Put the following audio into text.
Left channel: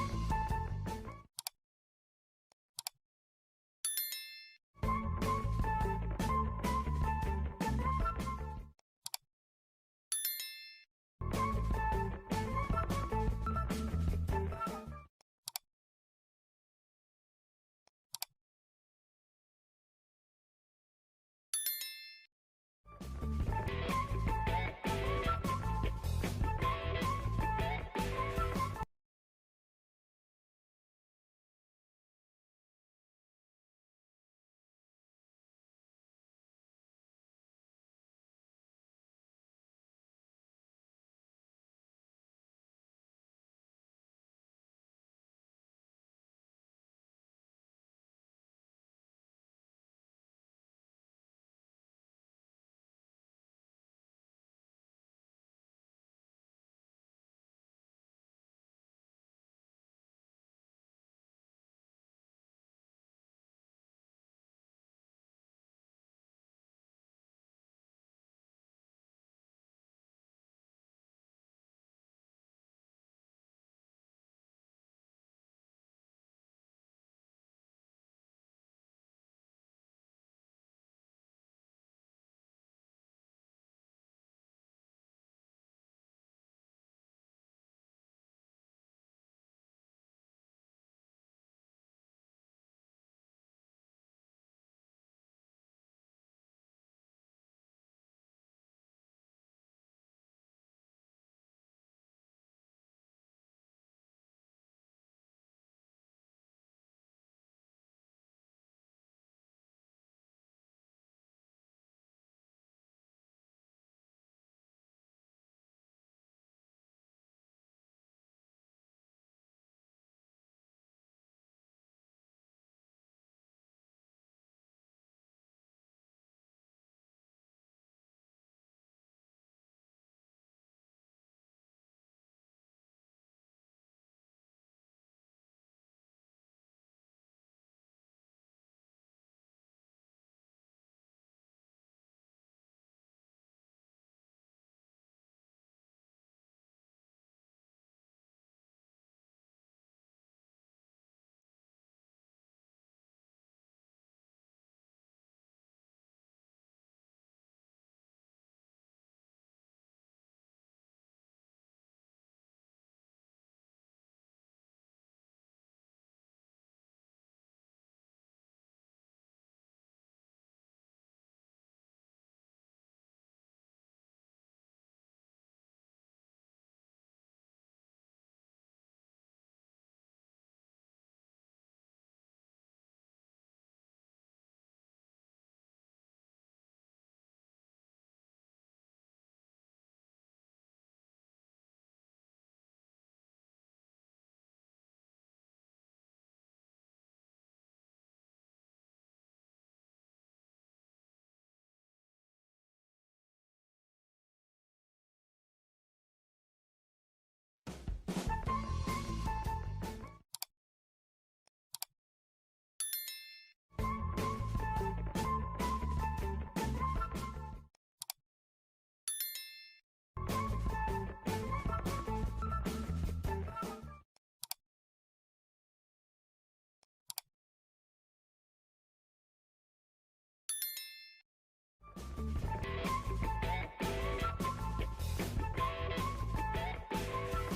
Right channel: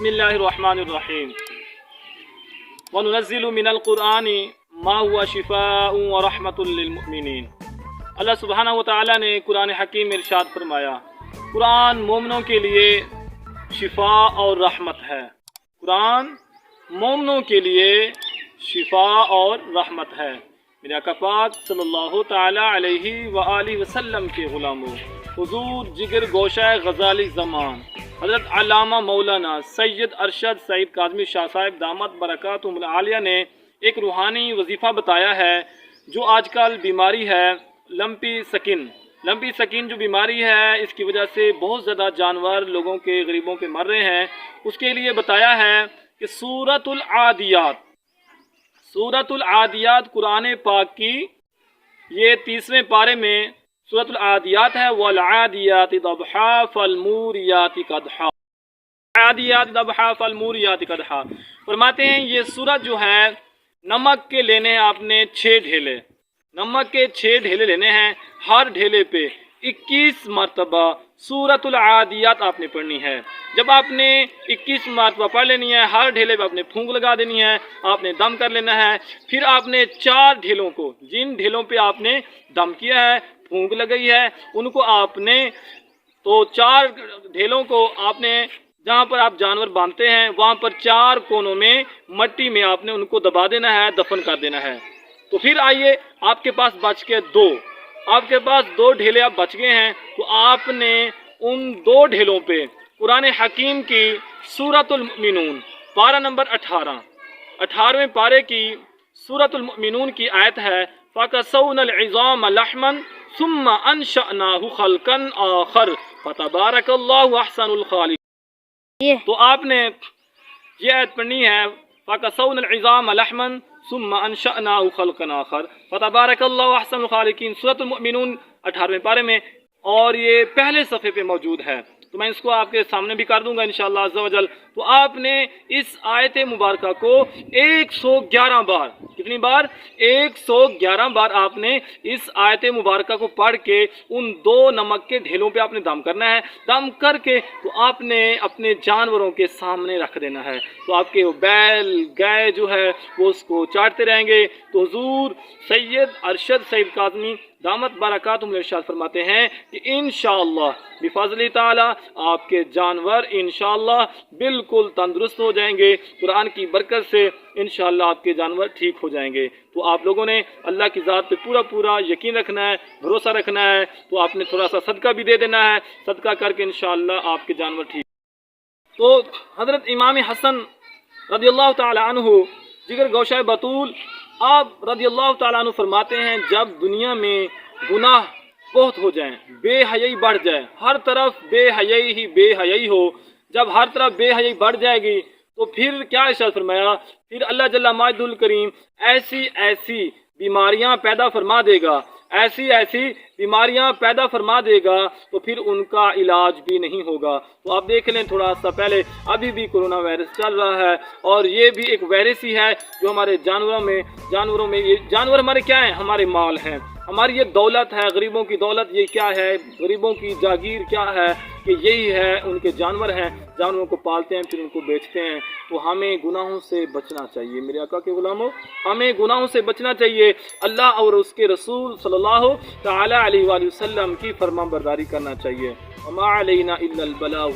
बिस्मिल्लाहिर्रहमानिर्रहीम वनुनज़्ज़िलु मिनल क़ुरआनि मा हुवा शिफ़ाउन व रहमतुल लिल मुमिनीन। अल्लाह सुब्हानहु व तआला ने कुरान हकीम में इरशाद फरमाया, कुरान मोमिनों के लिए शिफा और रहमत है। कुरान मोमिनों के लिए शिफा और रहमत है। मेरे आका पाक सल्लल्लाहु तआला अलैहि व आलिहि वसल्लम के गुलामों, हुजूर जिगर गोशा गज़ाली ज़मान हज़रत अल्लामा मौलाना सैयद अरशद सईद काज़मी शाह साहिब दामत बरकातुहुल आलिया ने एक रूहानी वजीफ़ा बताया है। जो आजकल बीमारी है लंपी स्किन जो बीमारी है, इसकी वजह से बहुत ज़्यादा जानवर लोगों के गरीबों के मर रहे हैं। उसके लिए बताया है कि सूरतुल आदियात कुरान पाक की ये 30वें पारे में सूरतुल आदियात है। वल आदियाति दबहा फलमूरियाति कदहा, आदियाति दबहा फलमूरियाति कदहा। फरमाते हैं ये सूरत जो है नमक के लेने हैं आपने 6 ढेले, नमक के 6 ढेले लेने हैं। हर ढेले पे 21 मरतबा सूरतुल आदियात आपने पढ़नी है। जब आपने 21 मरतबा पढ़ लेनी है, हर ढेले पे आपने फूंक लगा देनी है, आपने दम कर लेना है। फिर आपने 4 ढेलों को, जिन ढेलों पे आपने दम किया है, फूंक लगाई है, उनको आपने 4 ढेलों को आपने जहाँ पर आप जानवर बांधते हैं वहाँ पर 4 कोनों में मट्टी में आपने उनको दबा देना है, दफन कर देना है। तो फिर आइए, आपके पास बच के 2 ढेले आप बच गए हैं, तो आपने उन 2 ढेलों पे कुरान हकीम की सूरतुल मुमिनून पारा नंबर 18वें पारे की सूरतुल मुमिनून की आयत है, फ़कसौनल इज़ाम लहमन सुम्मा अंशअनाहु खल्कन आखर फतबारकल्लाहु अहसनुल खालिकीन। तो आपने ये आयत पढ़नी है, फ़कसौनल इज़ाम लहमन सुम्मा अंशअनाहु खल्कन आखर फतबारकल्लाहु अहसनुल खालिकीन, सूरतुल मुमिनून 18वें पारे में, और ये पहले सफ़े पे मौजूद है। तो मैं इसको आपके सामने भी कर दूंगा इंशाअल्लाह अज़्ज़ा वजल। तो आपने इस आयत मुबारका को 111 बार, कितनी बार? 111 बार आपने इस आयत मुबारका को पढ़ के उन 2 नमक के ढेलों पे आपने दम करना है। दम करके तो आपने अपने जानवरों के सामने रख देना है। तो आपके वो बैल गाय जो है वो उसको चाटते रहेंगे। तो हुजूर सैयद अरशद सईद काज़मी दामत बरकातुहुल इरशाद फरमाते हैं कि इंशाअल्लाह बिफज़्लिल्लाह ताला आपके जानवर इंशाअल्लाह बिल्कुल तंदुरुस्त हो जाएंगे। कुरान की बरकत से इंशाअल्लाह आपके जानवर ठीक हो जाएंगे। तो आप लोगों ने अल्लाह की ज़ात पे पूरा यकीन रखना है, भरोसा रखना है। तो आपने थोड़ा सा सदका भी दे देना है, सदका करके इंशाअल्लाह आपके जानवर ठीक। तो हज़रत इमाम हसन रज़ियल्लाहु ताला अन्हु जिगर गौशाए बतूल आप रज़ियल्लाहु ताला अन्हु फरमाते हैं, जब दुनिया में गुनाह बहुत हो जाएं, बेहयाई बढ़ जाए, हर तरफ बेहयाई हो, जब हर तरफ बेहयाई बढ़ जाएगी तो फिर क्या इरशाद फरमाया, फिर अल्लाह जल्ला माजिदुल करीम ऐसी बीमारियां पैदा फरमा देगा, ऐसी बीमारियां पैदा फरमा देगा, तो फिर उनका इलाज भी नहीं होगा। तो आप देख लें, थोड़ा सा पहले अभी भी कोरोना वायरस चल रहा है, और ये भी एक वायरस ही है जो हमारे जानवरों में ये जानवर हमारे क्या हैं? हमारे माल हैं, हमारी ये दौलत है, गरीबों की दौलत ये क्या है? गरीबों की जागीर क्या है? कि यही है, उनके जानवर हैं, जानवरों को पालते हैं फिर उनको बेचते हैं। तो हमें गुनाहों से बचना चाहिए मेरे आका के गुलामों, हमें गुनाहों से बचना चाहिए। अल्लाह और उसके रसूल सल्लल्लाहु तआला अलैहि वसल्लम की फरमाबरदारी करना चाहिए। वमा अलैना इल्लल बलागुल